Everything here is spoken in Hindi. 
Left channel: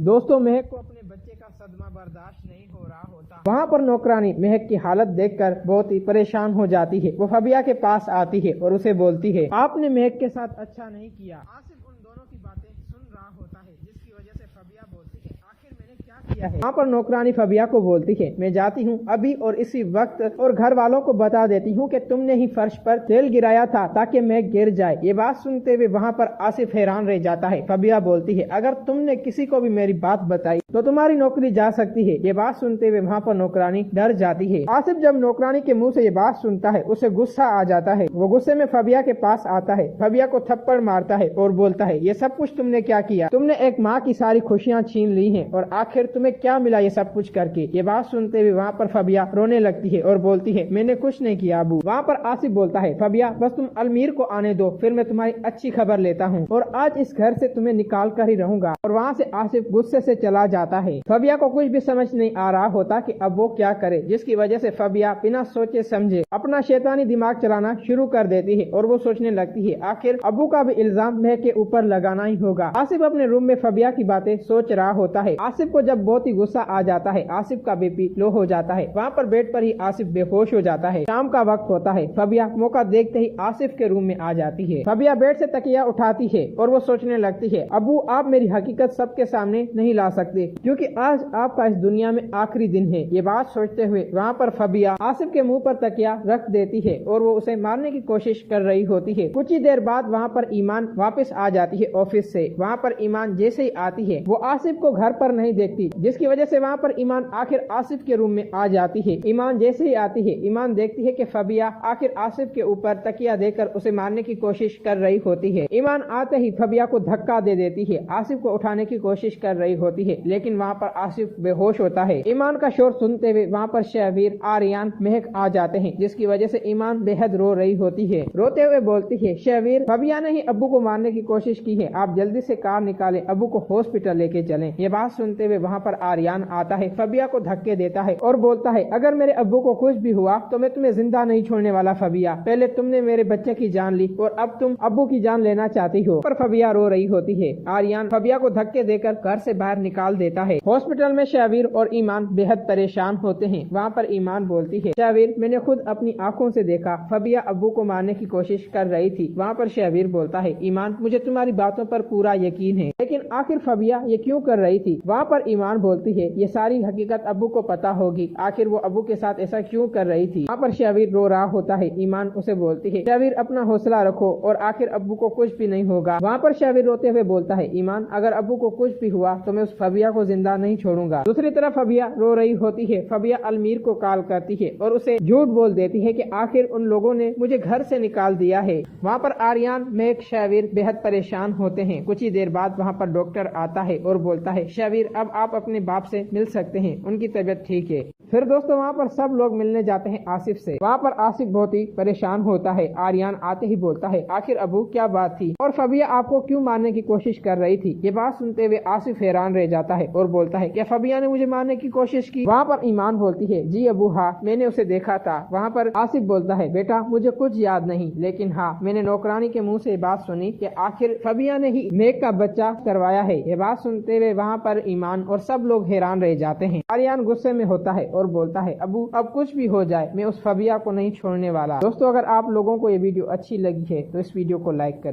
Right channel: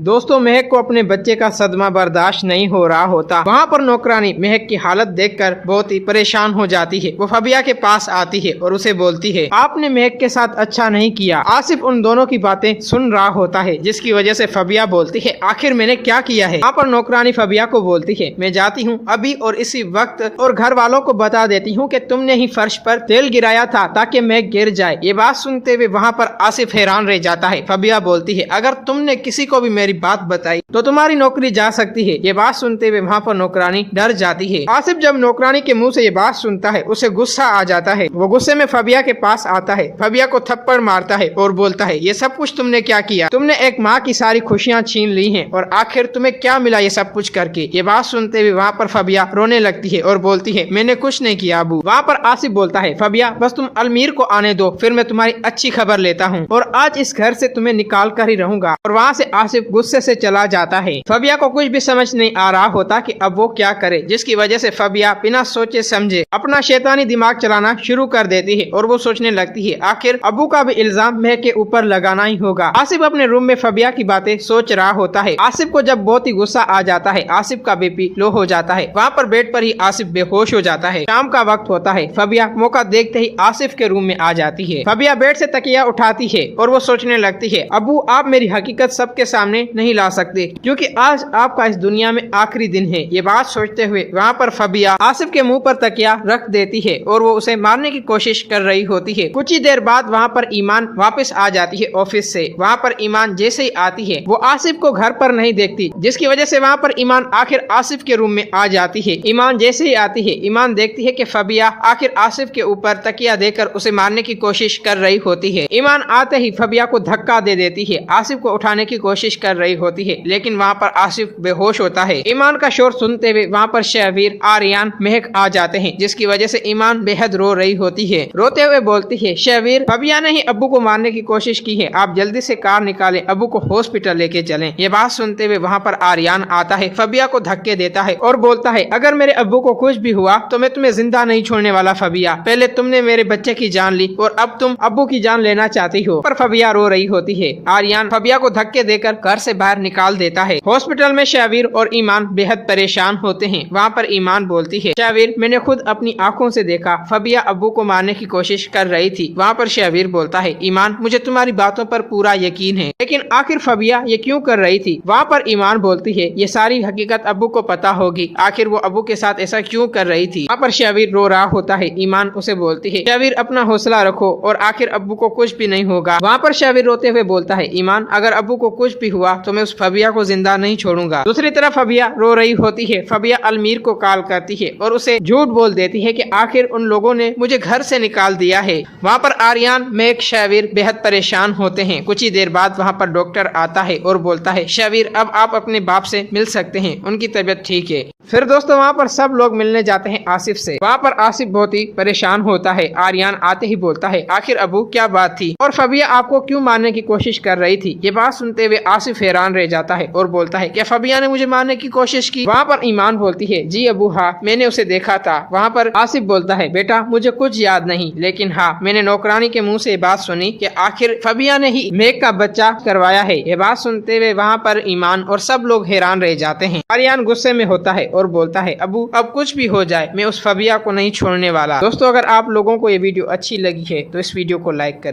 दोस्तों महक को अपने बच्चे का सदमा बर्दाश्त नहीं हो रहा होता। वहाँ पर नौकरानी महक की हालत देखकर बहुत ही परेशान हो जाती है। वो फबिया के पास आती है और उसे बोलती है, आपने महक के साथ अच्छा नहीं किया। आसिफ उन दोनों की बातें सुन रहा होता है, जिसकी वजह से फबिया बोलती है, आखिर मैंने क्या किया है। वहाँ पर नौकरानी फबिया को बोलती है, मैं जाती हूँ अभी और इसी वक्त और घर वालों को बता देती हूँ कि तुमने ही फर्श पर तेल गिराया था ताकि महक गिर जाए। ये बात सुनते हुए वहाँ पर आसिफ हैरान रह जाता है। फबिया बोलती है, अगर तुमने किसी को भी मेरी बात बताई तो तुम्हारी नौकरी जा सकती है। ये बात सुनते हुए वहाँ पर नौकरानी डर जाती है। आसिफ जब नौकरानी के मुंह से ये बात सुनता है उसे गुस्सा आ जाता है। वो गुस्से में फबिया के पास आता है, फबिया को थप्पड़ मारता है और बोलता है, ये सब कुछ तुमने क्या किया? तुमने एक माँ की सारी खुशियाँ छीन ली हैं और आखिर तुम्हें क्या मिला ये सब कुछ करके? ये बात सुनते हुए वहाँ पर फबिया रोने लगती है और बोलती है, मैंने कुछ नहीं किया अबू। वहाँ पर आसिफ बोलता है, फबिया बस तुम अलमीर को आने दो, फिर मैं तुम्हारी अच्छी खबर लेता हूँ और आज इस घर से तुम्हें निकाल कर ही रहूंगा। और वहाँ से आसिफ गुस्से से चला जाता है। फबिया को कुछ भी समझ नहीं आ रहा होता कि अब वो क्या करे, जिसकी वजह से फबिया बिना सोचे समझे अपना शैतानी दिमाग चलाना शुरू कर देती है और वो सोचने लगती है, आखिर अबू का भी इल्जाम महक के ऊपर लगाना ही होगा। आसिफ अपने रूम में फबिया की बातें सोच रहा होता है। आसिफ को जब बहुत ही गुस्सा आ जाता है, आसिफ का बीपी लो हो जाता है। वहाँ पर बेड पर ही आसिफ बेहोश हो जाता है। शाम का वक्त होता है। फबिया मौका देखते ही आसिफ के रूम में आ जाती है। फबिया बेड से तकिया उठाती है और वो सोचने लगती है, अबू आप मेरी हकीकत सबके सामने नहीं ला सकते क्योंकि आज आपका इस दुनिया में आखिरी दिन है। ये बात सोचते हुए वहाँ पर फबिया आसिफ के मुंह पर तकिया रख देती है और वो उसे मारने की कोशिश कर रही होती है। कुछ ही देर बाद वहाँ पर ईमान वापस आ जाती है ऑफिस से। वहाँ पर ईमान जैसे ही आती है वो आसिफ को घर पर नहीं देखती, जिसकी वजह से वहाँ पर ईमान आखिर आसिफ के रूम में आ जाती है। ईमान जैसे ही आती है, ईमान देखती है कि फबिया आखिर आसिफ के ऊपर तकिया देकर उसे मारने की कोशिश कर रही होती है। ईमान आते ही फबिया को धक्का दे देती है, आसिफ को उठाने की कोशिश कर रही होती है, लेकिन वहाँ पर आसिफ बेहोश होता है। ईमान का शोर सुनते हुए वहाँ पर शहवीर, आर्यन, महक आ जाते हैं, जिसकी वजह से ईमान बेहद रो रही होती है। रोते हुए बोलती है, शहवीर फबिया ने ही अब्बू को मारने की कोशिश की है, आप जल्दी से कार निकालें, अब्बू को हॉस्पिटल लेके चलें। ये बात सुनते हुए वहाँ पर आर्यन आता है, फबिया को धक्के देता है और बोलता है, अगर मेरे अब्बू को कुछ भी हुआ तो मैं तुम्हें जिंदा नहीं छोड़ने वाला फबिया। पहले तुमने मेरे बच्चे की जान ली और अब तुम अब्बू की जान लेना चाहती हो। पर फबिया रो रही होती है। आर्यन फबिया को धक्के देकर घर से बाहर निकाल देता है। हॉस्पिटल में शहवीर और ईमान बेहद परेशान होते हैं। वहाँ पर ईमान बोलती है, शहवीर मैंने खुद अपनी आंखों से देखा फबिया अब्बू को मारने की कोशिश कर रही थी। वहाँ पर शहवीर बोलता है, ईमान मुझे तुम्हारी बातों पर पूरा यकीन है, लेकिन आखिर फबिया ये क्यों कर रही थी? वहाँ पर ईमान बोलती है, ये सारी हकीकत अब्बू को पता होगी, आखिर वो अब्बू के साथ ऐसा क्यों कर रही थी? वहाँ पर शहवीर रो रहा होता है। ईमान उसे बोलती है, शहवीर अपना हौसला रखो और आखिर अब्बू को कुछ भी नहीं होगा। वहाँ पर शहवीर रोते हुए बोलता है, ईमान अगर अब्बू को कुछ भी हुआ तो मैं उस फबिया को जिंदा नहीं छोड़ूंगा। दूसरी तरफ फबिया रो रही होती है। फबिया अलमीर को कॉल करती है और उसे झूठ बोल देती है कि आखिर उन लोगों ने मुझे घर से निकाल दिया है। वहाँ पर आर्यन, महक, शहवीर बेहद परेशान होते हैं। कुछ ही देर बाद वहाँ पर डॉक्टर आता है और बोलता है, शहवीर अब आप अपने बाप से मिल सकते हैं, उनकी तबीयत ठीक है। फिर दोस्तों वहाँ पर सब लोग मिलने जाते हैं आसिफ से। वहाँ पर आसिफ बहुत ही परेशान होता है। आर्यन आते ही बोलता है, आखिर अबू क्या बात थी और फबिया आपको क्यों मारने की कोशिश कर रही थी? ये बात सुनते हुए आसिफ हैरान रह जाता है और बोलता है, क्या फबिया ने मुझे मारने की कोशिश की? वहाँ पर ईमान बोलती है, जी अबू हाँ मैंने उसे देखा था। वहाँ पर आसिफ बोलता है, बेटा मुझे कुछ याद नहीं, लेकिन हाँ मैंने नौकरानी के मुँह से बात सुनी कि आखिर फबिया ने ही महक का बच्चा करवाया है। ये बात सुनते हुए वहाँ पर ईमान और सब लोग हैरान रह जाते हैं। आर्यन गुस्से में होता है और बोलता है, अबू अब कुछ भी हो जाए मैं उस फबिया को नहीं छोड़ने वाला। दोस्तों अगर आप लोगों को ये वीडियो अच्छी लगी है तो इस वीडियो को लाइक करें।